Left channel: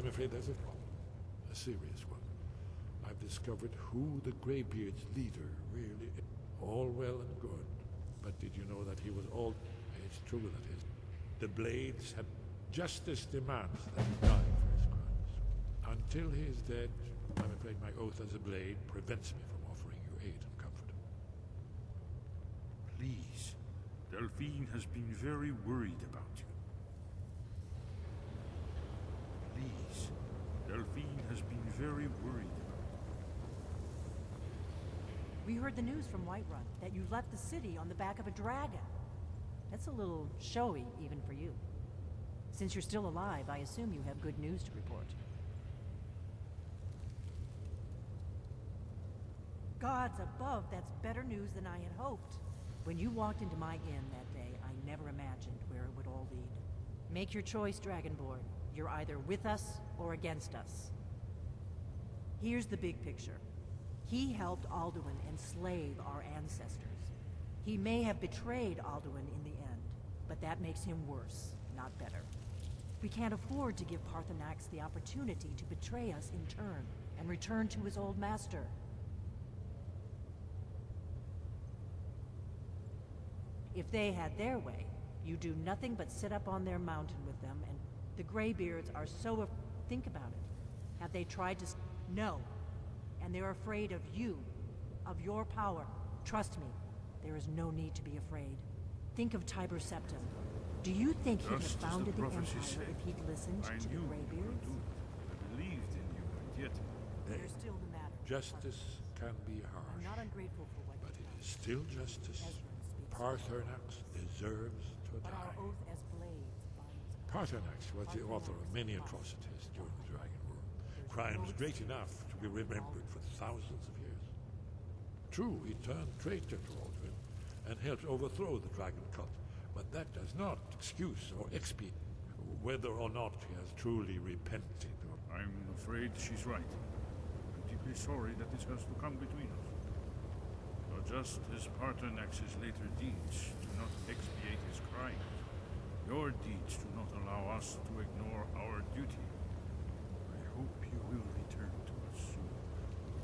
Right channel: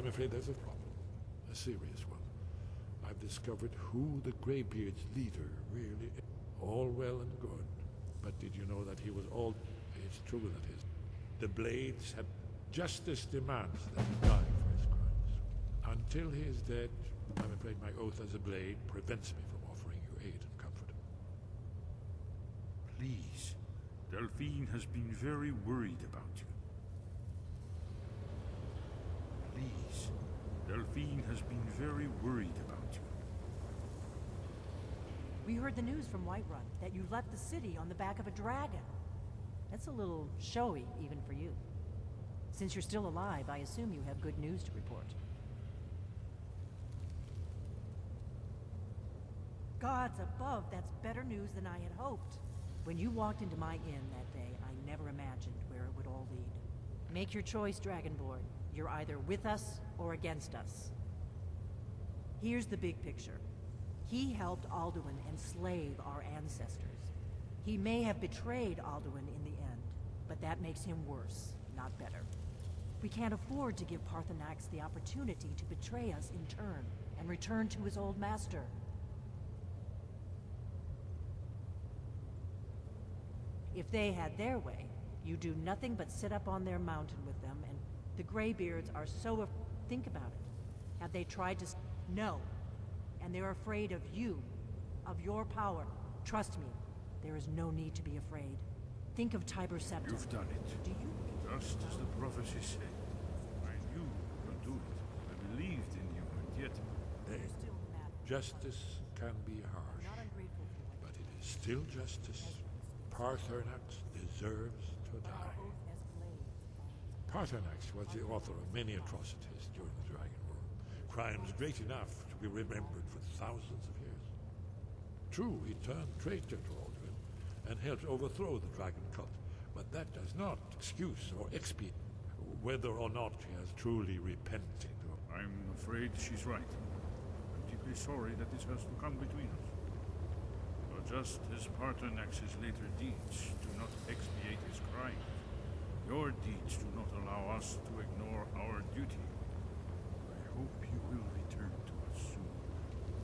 I'm afraid there's a problem. A serious one. I've discovered who the Greybeard's leader really is. All well and good. But did you know that he was all... It's true that the Blades have... Justice demands that he die for his crimes. Until he is dead, I'm afraid my oath as a Blade prevents me from offering you aid and comfort. Please. Delphine has been very worried about you. Please. Delphine has been very worried about you. We heard the news from Whiterun that you left the city on the back of a dragon. That's a little showy, even for you. Since you're still alive, I assume you have good news to report. Gods above, that's better news than I had hoped. When you walked into my inn that day, I never imagined where it would all lead. Make your choice, Dragonborn. You're either with us or against us. Here's the big picture. He helped Alduin enslave our ancestors. He may have betrayed Alduin in the end, but that makes him worse, not better. We can't afford to give Paarthurnax the opportunity to betray us in turn, and return to his old master. If they had their way, you do nothing but sit up on their mountain with them, and the Greybeards are so think about it. Have they tried to... No. And they're afraid of you, of your power. Trust me, there is no need to be afraid. Think of Tiber Septim. You've done it. Do you think he'd have Just as founded the the prophecy Empire said. if he'd listened I to the knew you could Greybeards? do it. I believed in you, and yet... There's still the matter. Justice can be I'm harsh, not ungrateful for what but you it is still justice. Esbern speaks. Paarthurnax deserves to But our die. oath as blades binds. Paarthurnax was the author of many atrocities during the Dragon War. Crimes great enough to be remembered for thousands of years. True, he turned traitor to Alduin and helped overthrow the Dragon Cult, but that does not excuse or expiate whether or not he has truly repented. I'm afraid she's right. I'm deeply sorry that this has to come between us. But just as Paarthurnax's later deeds do not expiate his crimes, your deeds do not allow us to ignore our duty. I hope you will return to us soon,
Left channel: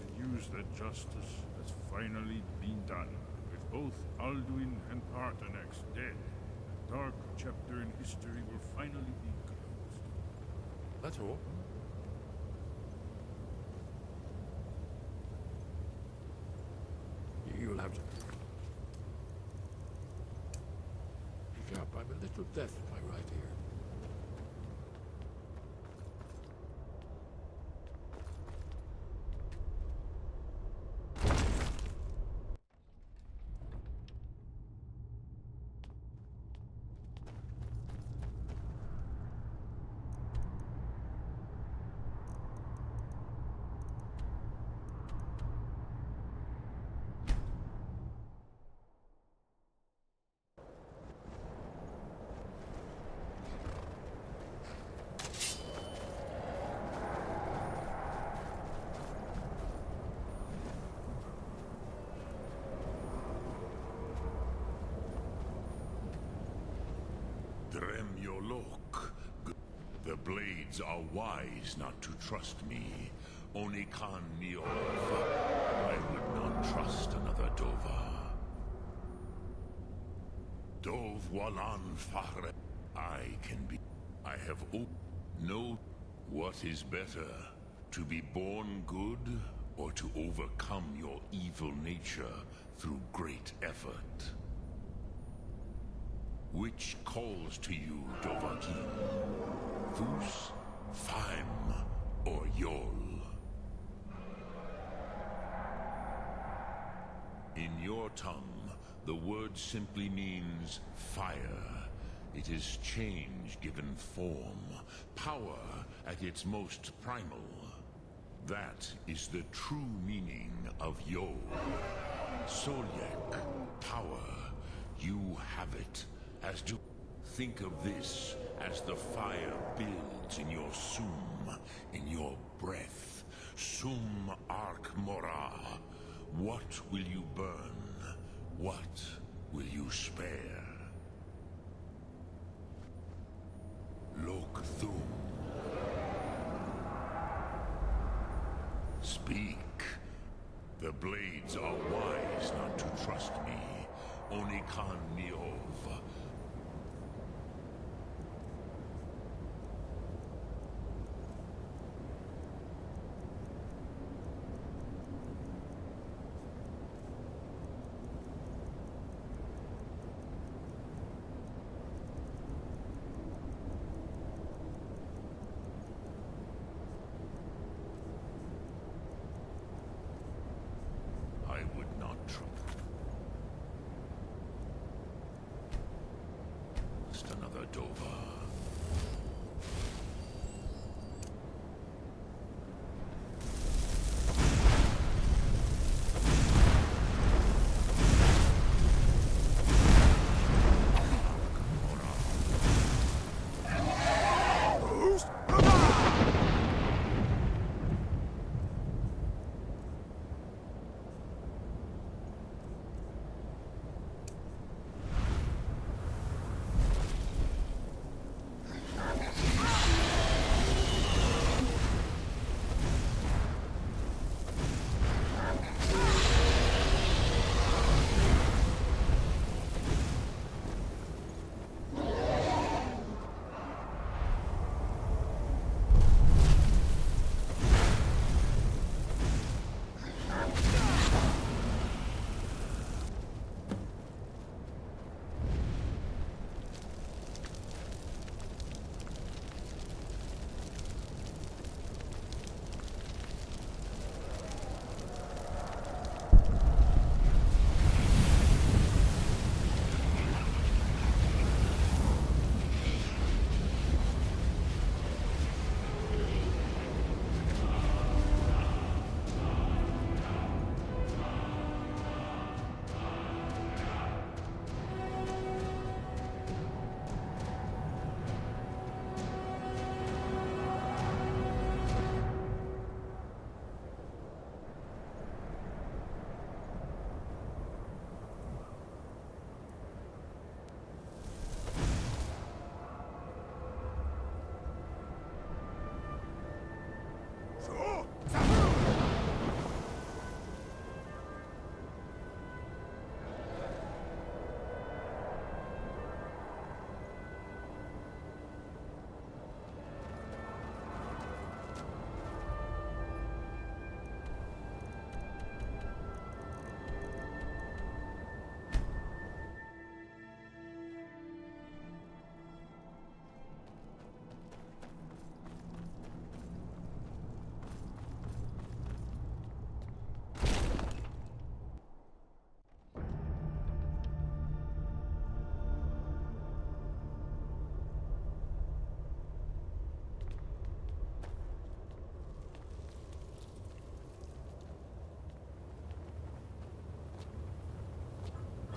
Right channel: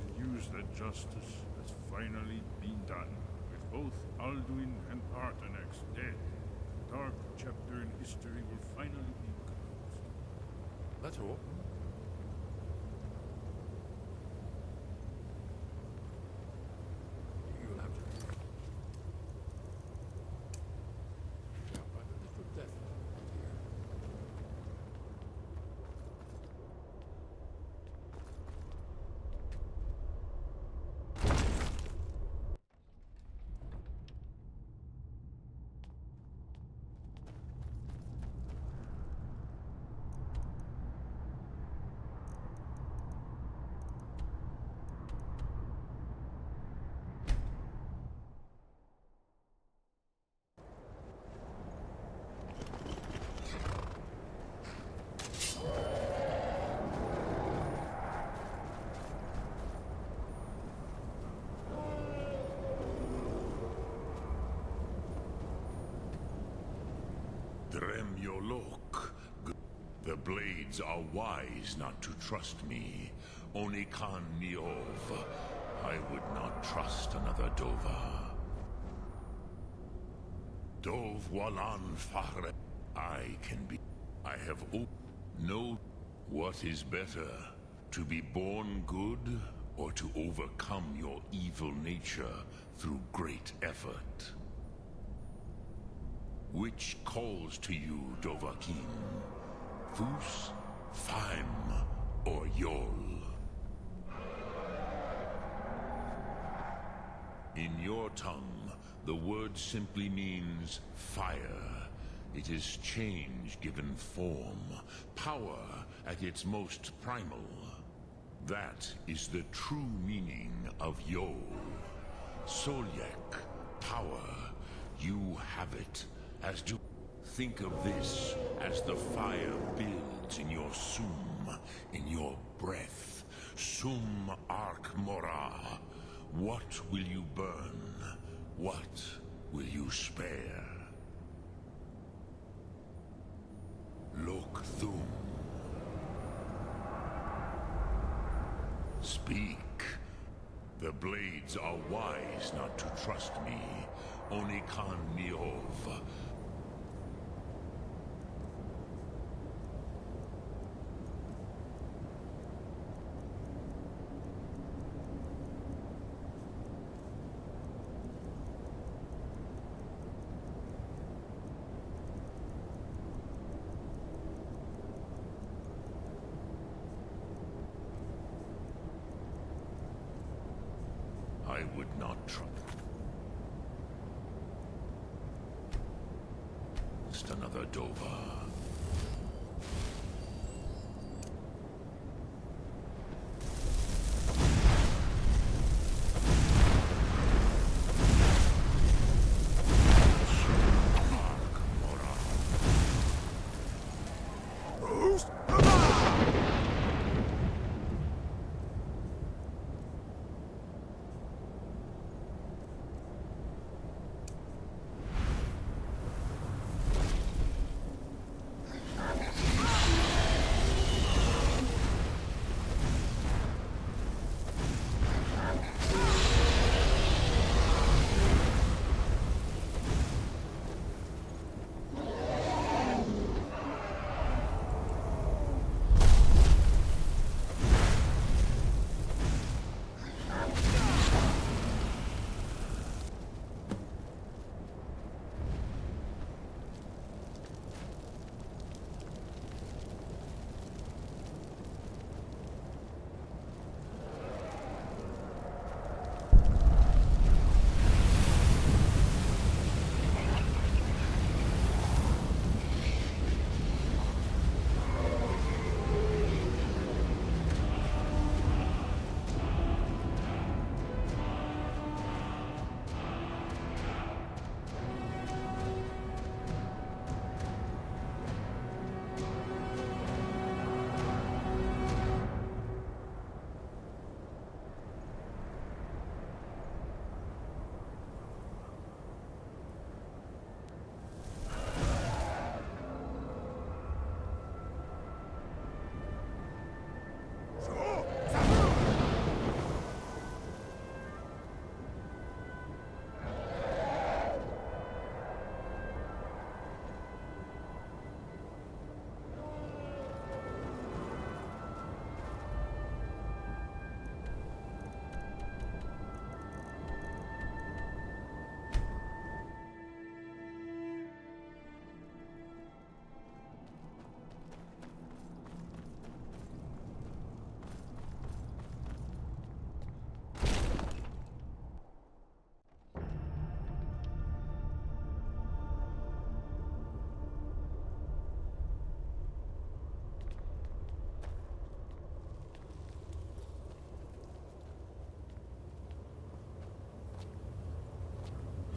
and use that justice has finally been done. With both Alduin and Paarthurnax dead, a dark chapter in history will finally be closed. That's all. You'll have to... Yep, I'm a little deaf in my right ear. Dremyolok. The Blades are wise not to trust me. Onikan Niov. I would not trust another Dova. Dov Walan Fahre. I can be. I have no. What is better? To be born good, or to overcome your evil nature through great effort? Which calls to you, Dovahkiin? Fus, Faim, or Yol? In your tongue, the word simply means fire. It is change given form, power at its most primal. That is the true meaning of Yol. Solyek, power. You have it. As do. Think of this as the fire builds in your sum, in your breath. Sum Ark Mora. What will you burn? What will you spare? Lok Thum. Speak. The blades are wise not to trust me. Only Khan Niov. I would not trust another Dova.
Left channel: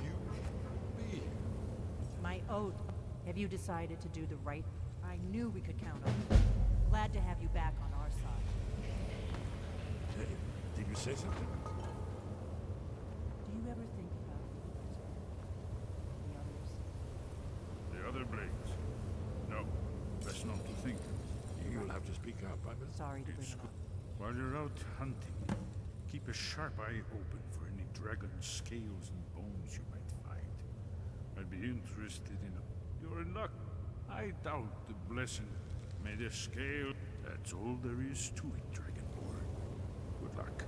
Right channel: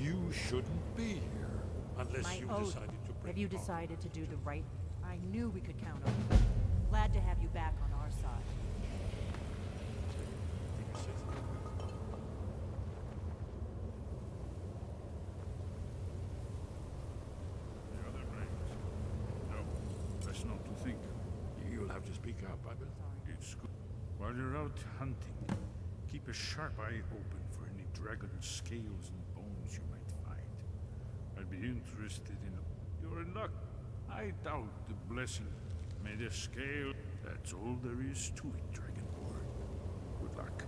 You shouldn't be here unless My you oath. decided to bring Have you Tom. decided to do the right? I knew we could count on you. Glad to have you back on our side. Hey, did you say something? Do you ever think about The other blades. No, best not to think. You'll have to speak up. I'm sorry to It's bring good. While you're out hunting, keep a sharp eye open for any dragon scales and bones you might find. I'd be interested in... You're in luck. I doubt the blessing. May the scale... That's all there is to it, Dragonborn. Good luck.